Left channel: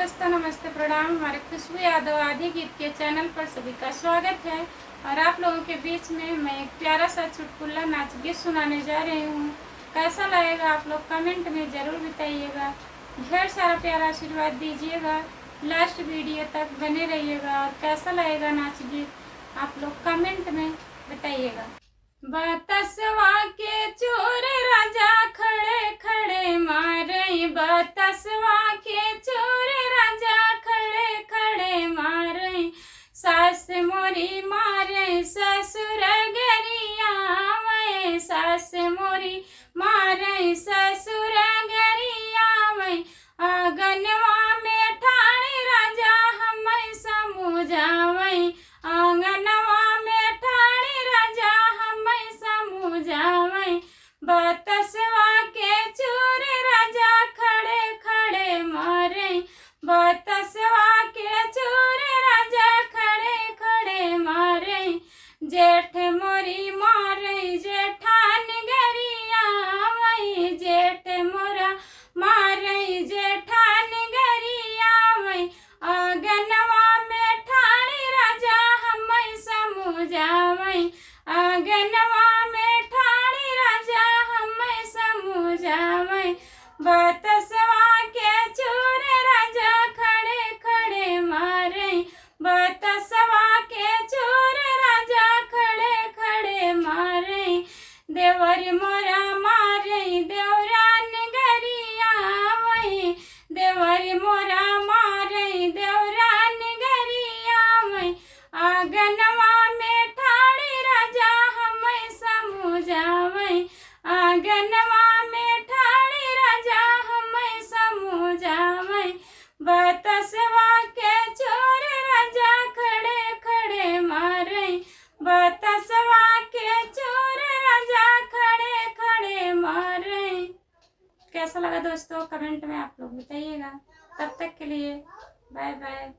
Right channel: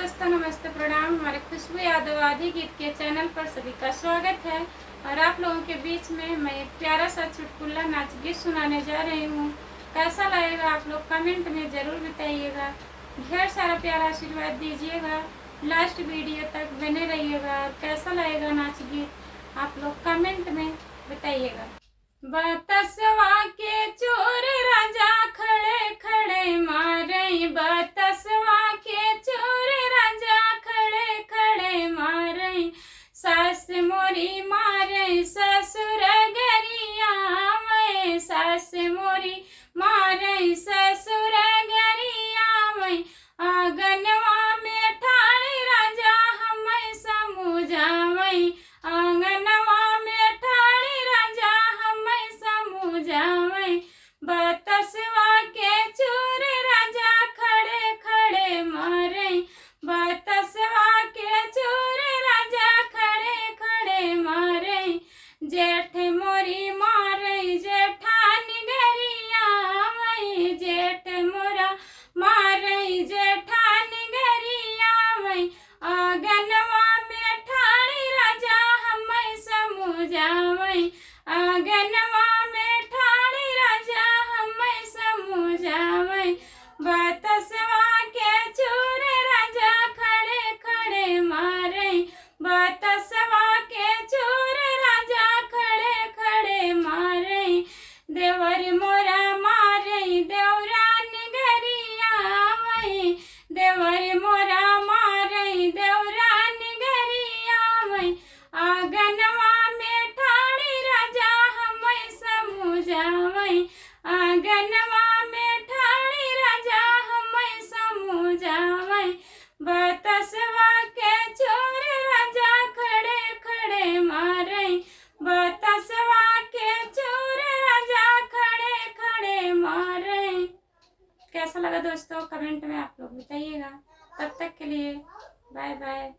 दोस्तों, नमस्ते, प्रणाम। हमारे खुशबू यादव आदि गीत के चैनल पर सभी का स्वागत है। और आप लोगों के बीच में मैं एक प्यारा सा चुटकुला नाच गीत सुनाने जा रही हूँ। कैसा लगेगा आप लोग कमेंट में ज़रूर बताइएगा। ढेर सारा प्यारा आशीर्वाद दीजिएगा। लास्ट वीडियो तक बने रहिएगा। और कैसा लगेगा नाच गीत आप लोग कमेंट में बताइएगा। बतसवा के चोर राजा खड़े खड़े मारे, बतसवा के चोर राजा खड़े खड़े मारे, सास मोरी मारे ससुर गरिया मैं, सास मोरी मारे ससुर गरिया मैं, आंगनवा में ठाणे राजा हमें समझावे, आंगनवा में ठाणे राजा हमें समझावे, बतसवा के चोर राजा खड़े खड़े मारे, बतसवा के चोर राजा खड़े खड़े मारे, जेठ मोरी मारे जेठान गरिया मैं, जेठ मोरा मारे जेठान गरिया मैं, आंगनवा में ठाणे राजा हमें समझावे, आंगनवा में ठाणे राजा हमें समझावे, बतसवा के चोर राजा खड़े खड़े मारे, बतसवा के चोर राजा खड़े खड़े मारे, देवर मोरा मारे देवरान गरिया मैं, देवर मोरा मारे देवरान गरिया मैं, आंगनवा में ठाणे राजा हमें समझावे, आंगनवा में ठाणे राजा हमें समझावे, बतसवा के चोर राजा खड़े खड़े मारे, बतसवा के चोर राजा खड़े खड़े मारे। कैसा लगा दोस्तों कमेंट में आप लोग बताइएगा। तब तक के लिए बाय बाय।